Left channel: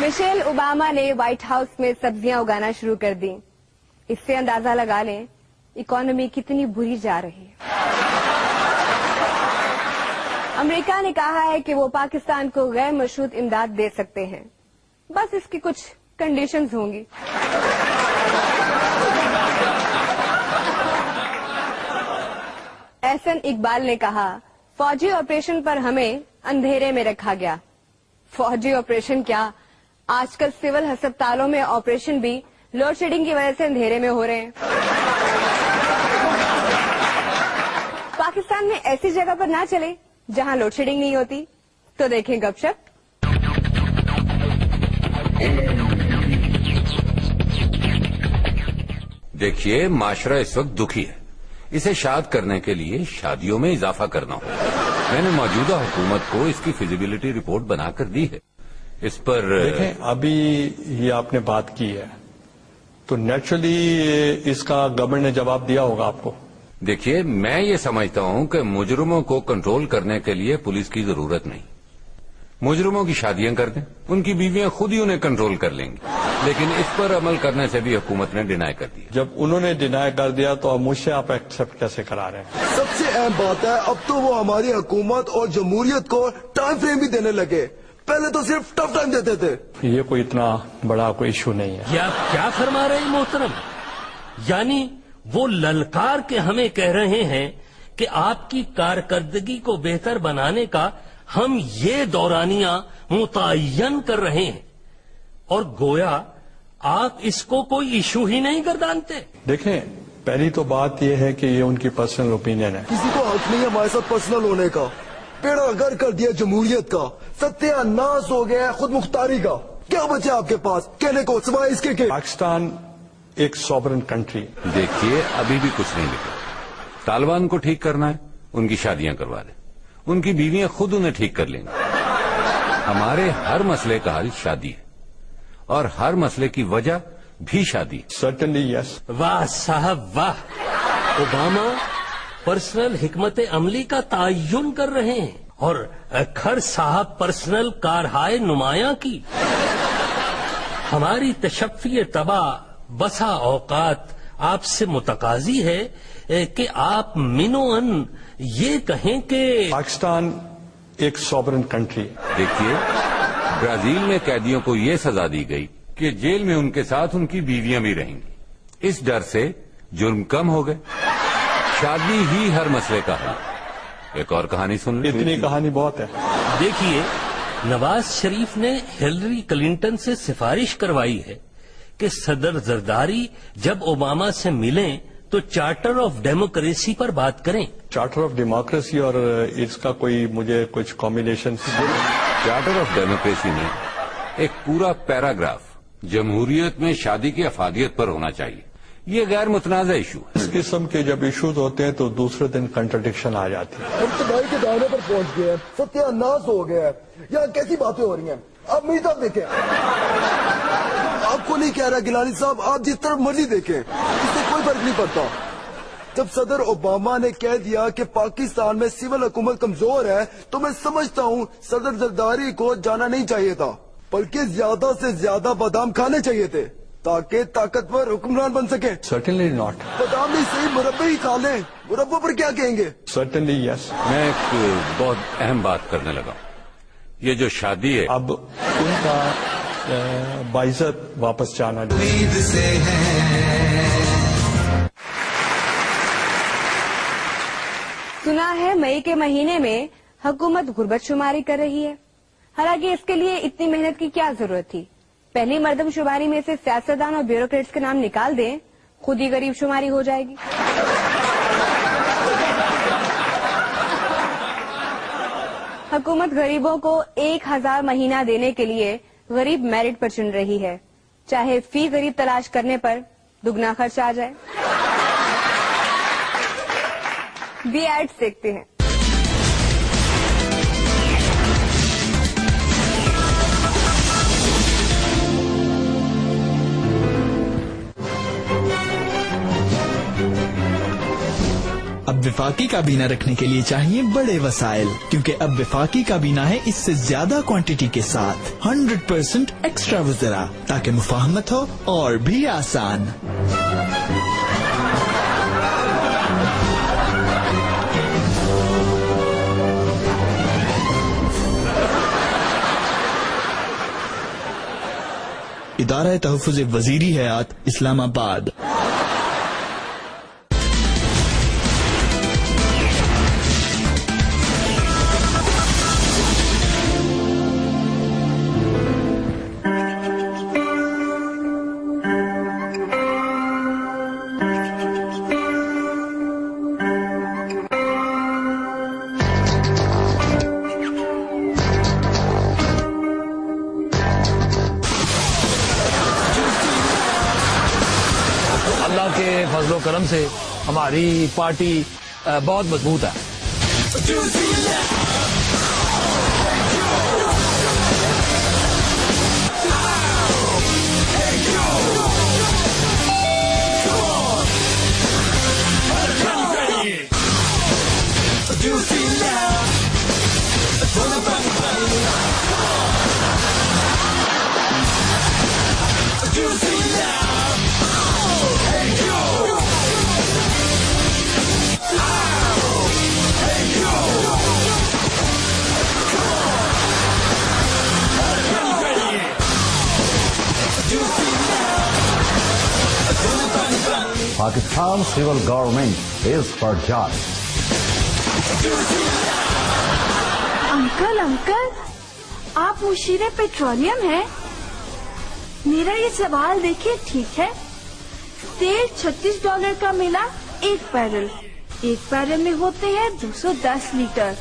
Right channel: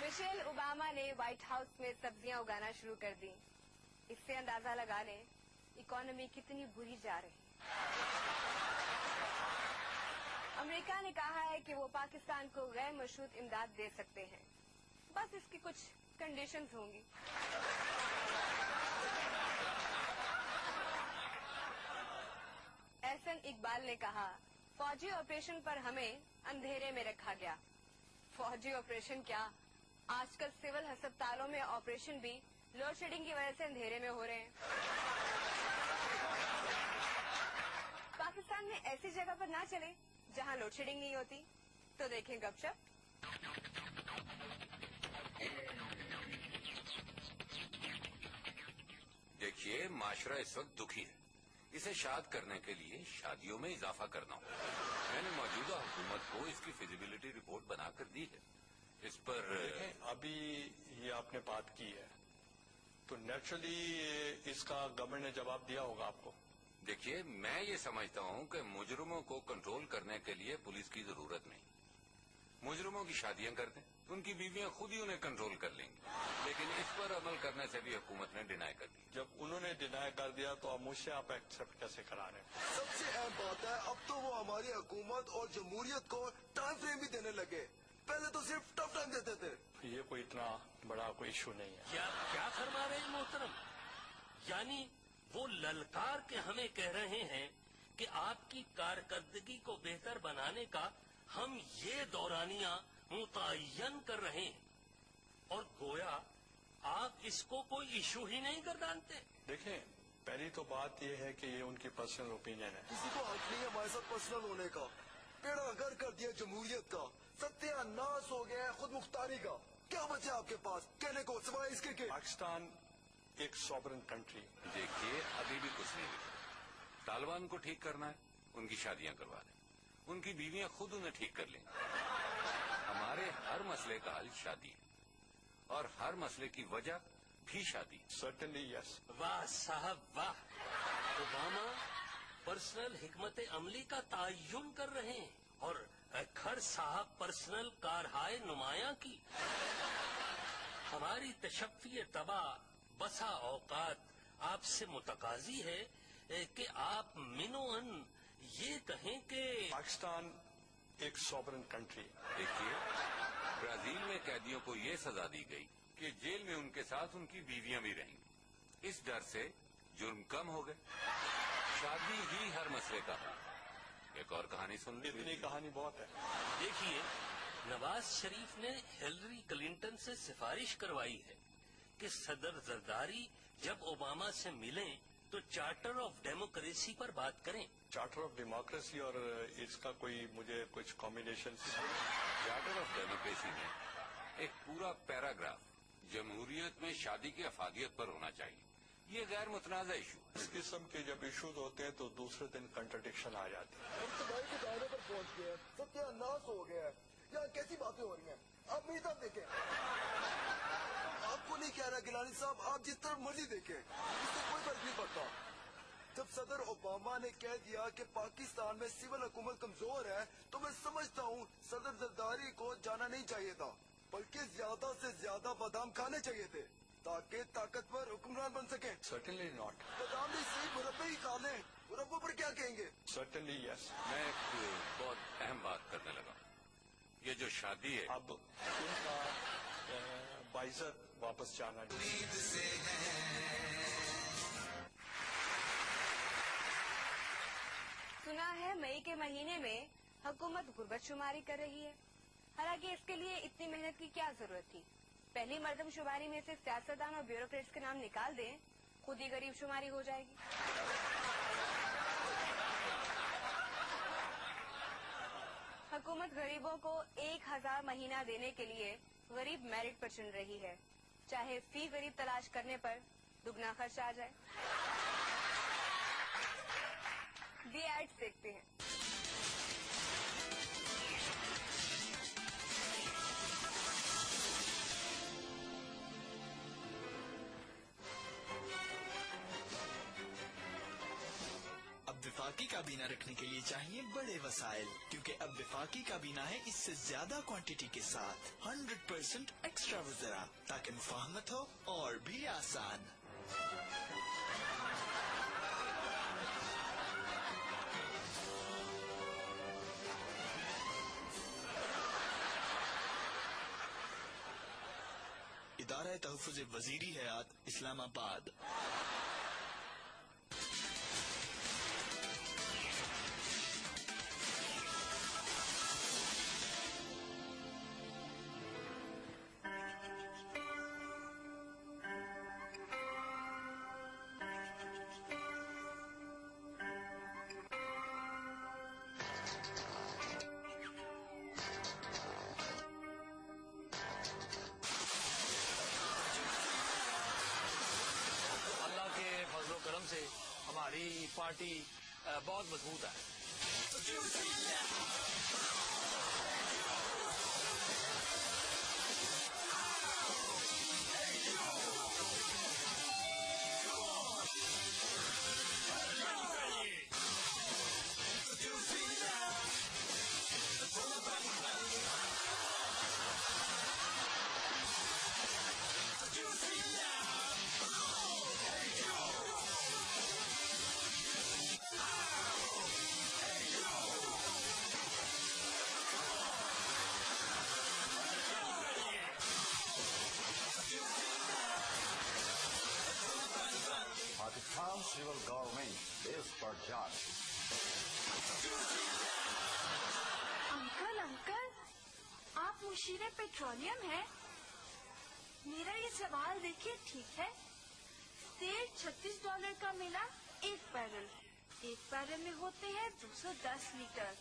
Michelle Obama ने white house में सब्जियां उगाना शुरू कर दी. इससे अंदाजा लगा लें इकोनॉमी कितनी बुरी जा रही है. अमेरिका ने कहा है कि वो पाकिस्तान को गैर मशरूत इमदाद दे सकते हैं, बस इसकी कुछ कंडीशंस होंगी. एहसन इकबाल ने कहा, फौजी ऑपरेशन पर हमें अंधेरे में रखा गया. फौजी ऑपरेशन क्या, आजकल सिविल अस्पतालों में ऑपरेशन भी लोड शेडिंग की वजह से अंधेरे में हो रहे हैं. पाकिस्तान में ऐसी जगह पर ना चले जहां लोड शेडिंग नहीं होती, तो देखें गपशप. देखिए, माशरा इस वक्त दुखी है. इसे शाद करने के लिए शादियों में इजाफा करना होगा. मैंने मौजूदा हुकूमत को इसकी फिजिबिलिटी रिपोर्ट बनाकर दी है. इस पर देखें, अभी ये आपने बात की है तो नेचुरली इसका गवर्नमेंट ने जवाब दिया होगा आपको. देखिए, मैं ये समझता हूं कि मुजरिमों को कंट्रोल करने के लिए पुलिस की जरूरत नहीं. मुजरिमों की शादियां कर दें, उनकी बीवियां खुद ही उन्हें कंट्रोल कर लेंगी. लेकिन इस पर अमल करने से भी हुकूमत ने डिनाई कर दिया. जब उन्होंने डिनाई कर दिया तो अब मुझसे आप एक्सेप्ट कैसे करा रहे हैं? सबसे अहम बात है, अब तो वो हमारी हुकूमत और जमहूरियत को टाइम फ्रेम भी देने लगे. पहले तो सिर्फ टफ टाइम देते थे. ये कोई इतना बड़ा कोई इशू नहीं है. ये आप क्या फरमा रहे हैं मोहतरम? यानी वो ललकार के हमें कह रहे हैं कि आपकी कारकर्दगी को बेहतर बनाने का हम ये दौरानिया मुतय्यन कर रहे हैं, और गोया आप इसको कोई इशू ही नहीं गर्दानते. देखें, पहली तो बात यह है कि ये उनकी पर्सनल ओपिनियन है. किसी को हक नहीं है हमारे साथ पर्सनल होने का. पेड़ा घर कर दिया जमहूरियत का. सत्यानाश हो गया खुद मुख्तारी का. क्या बचा आपके पास कहने को सिवाय इसके के? पाकिस्तान एक सॉवरेन कंट्री. देखिए, अभी भी कुछ नहीं निकला. तालिबान को ठीक करना है, उनकी शादियां करवा दें. उनकी बीवियां खुद उन्हें ठीक कर लेंगी. हमारे हर मसले का हल शादी है, और हर मसले की वजह भी शादी. Certainly yes. वाह साहब वाह. ओबामा पर्सनल हिकमत अमली का तयन कर रहे हैं, और खर साहब पर्सनल कारहाय नुमाया की. हमारी तशफ़ी तबा बसा औकात आपसे मुतकाजी है कि आप मिनोअन ये कहें कि पाकिस्तान एक सॉवरेन कंट्री. देखिए, ब्राजील में कैदियों को ये सजा दी गई कि जेल में उनके साथ उनकी बीवियां भी रहेंगी. इस डर से जुर्म कम हो गए. शादी ही हर मसले का हल. एक और कहानी सुन लीजिए. इतनी कहानी बहुत है. देखिए, नवाज शरीफ ने हिलरी क्लिंटन से सिफारिश करवाई है कि सदर जरदारी जब ओबामा से मिलें तो चार्टर ऑफ डेमोक्रेसी पर बात करें. चार्टर ऑफ डेमोक्रेसी और इसका कोई मुझे कुछ कॉम्बिनेशन. चार्टर ऑफ डेमोक्रेसी में एक पूरा पैराग्राफ जमहूरियत में शादी की अफादियत पर होना चाहिए. ये गैर मुतनाज़ा इशू है. इस किस्म के जब इश्यूज होते हैं तो दूसरे दिन कंट्रडिक्शन आ जाती है. हम तबाही के दायरे पर पहुंच गए हैं. सत्यानाश हो गया है. यहाँ कैसी बातें हो रही हैं. आप मेरी तरफ देखें. आपको नहीं कह रहा गिलानी साहब, आप जिस तरफ मर्जी देखें, इससे कोई फर्क नहीं पड़ता. जब सदर ओबामा ने कह दिया कि पाकिस्तान में सिविल हुकूमत कमजोर है, तो मैं समझता हूँ सदर जरदारी को जाना नहीं चाहिए था, बल्कि ज्यादा से ज्यादा बादाम खाने चाहिए थे ताकि ताकतवर हुक्मरान बन सके. Certainly not. बादाम नहीं सही मुरब्बे ही खा लें. मुरब्बों पर क्या कहेंगे? Certainly yes. मैं एक बहुत अहम बात करने लगा. ये जो शादी है, अब उनका बाइज्जत वापस जाना सुना है मई के महीने में हुकूमत गुर्बत शुमारी कर रही है. हालांकि इसके लिए इतनी मेहनत की क्या जरूरत थी. पहली मर्दमशुमारी में से सियासतदान और ब्यूरोक्रेट्स के नाम निकाल दें, खुद ही गरीब शुमारी हो जाएगी. हुकूमत गरीबों को 1000 महीना देने के लिए गरीब मेरिट पर चुन रही है, चाहे फी गरीब तलाश करने पर दुगना खर्च आ जाए. भी एड्स देखते हैं. अब وفاقی کابینہ رکھنے کے لیے چاہیے بڑے وسائل، کیونکہ اب وفاقی کابینہ ہے اس سے زیادہ کوانٹٹی کے ساتھ 100% ایکسٹرا وزراء، تاکہ مفاہمت ہو اور بھی آسان۔ ادارہ تحفظ وزیری حیات، اسلام آباد۔ اللہ کے فضل و کرم سے ہماری پارٹی بہت مضبوط ہے۔ Pakistan civil government is for justice. Uncle آپ مشیر پیٹرولیم ہیں؟ میرا یہ سوال دیکھیے، ٹھیک ہے، تیل $36 کا ملا ایک بیرل میں ہوتے ہیں 210 لیٹر،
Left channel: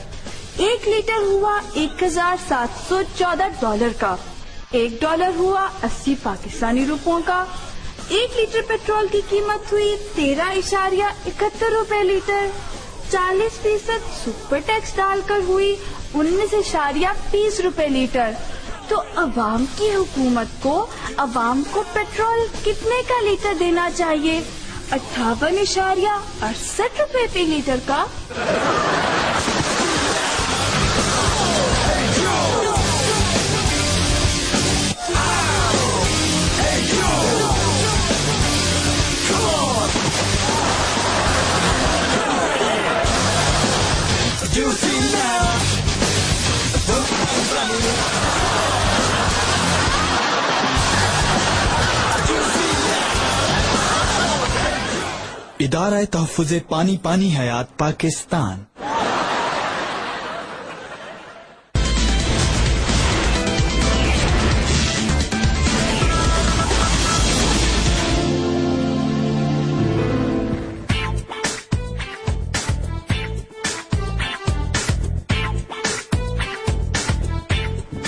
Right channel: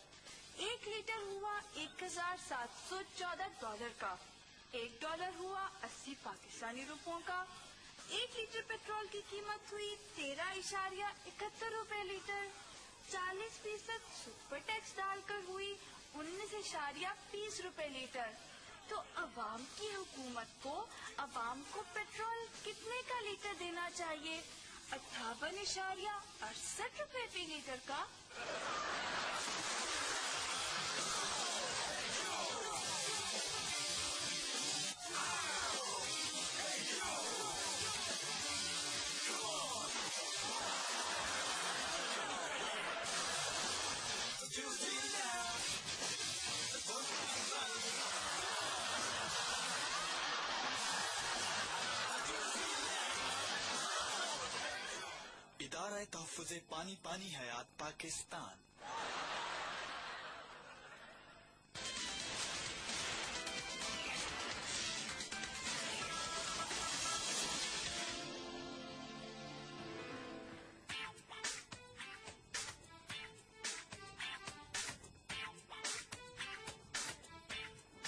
1 لیٹر ہوا $1714 کا، $1 ہوا 80 پاکستانی روپوں کا، 1 لیٹر پیٹرول کی قیمت ہوئی 13.71 روپے لیٹر، 40% سپر ٹیکس ڈال کر ہوئی 19.20 روپے لیٹر۔ تو عوام کی حکومت کو عوام کو پیٹرول کتنے کا لیٹر دینا چاہیے؟ 58.68 روپے فی لیٹر کا۔ ادارہ تحفظ پانی حیات، پاکستان۔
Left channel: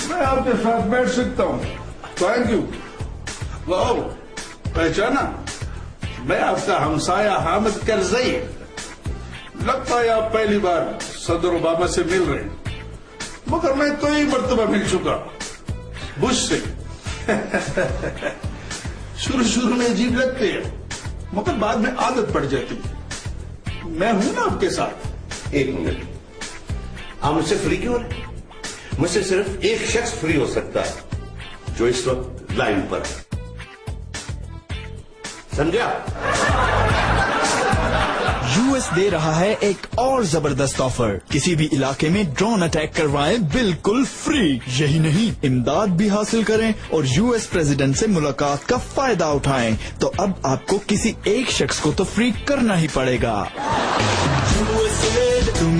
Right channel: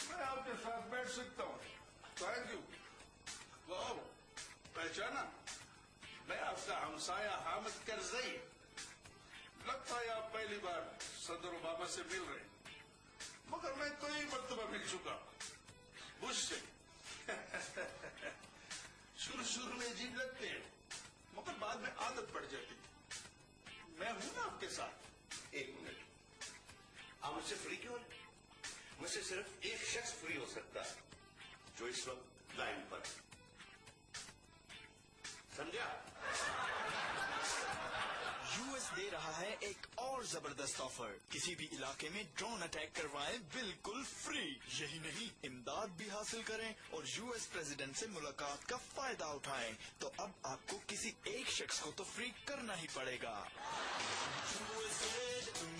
میں آپ کے ساتھ بیٹھ سکتا ہوں؟ Thank you. واؤ، پہچانا؟ میں آپ کا ہمسایہ حامد کرزئی۔ لگتا ہے آپ پہلی بار صدر اوباما سے مل رہے ہیں، مگر میں کئی مرتبہ مل چکا بش سے۔ شروع میں عجیب لگتے ہیں، مگر بعد میں عادت پڑ جاتی ہے۔ میں ہوں نا آپ کے ساتھ۔ ایک منٹ، آپ مجھ سے فری کیوں رہے؟ مجھ سے صرف ایک شخص فری ہو سکتا ہے جو اس وقت لائن پر ہے، سمجھا؟ یو ایس دے رہا ہے ایک اور زبردست آفر، کسی بھی علاقے میں ڈرون اٹیک کروائیں بالکل فری۔ یہی نہیں، امداد بھی حاصل کریں اور یو ایس پریزیڈنٹ سے ملاقات کا فائدہ اٹھائیں۔ تو اب آپ کو کسی ایک شخص کو تو فری کرنا ہی پڑے گا۔ تم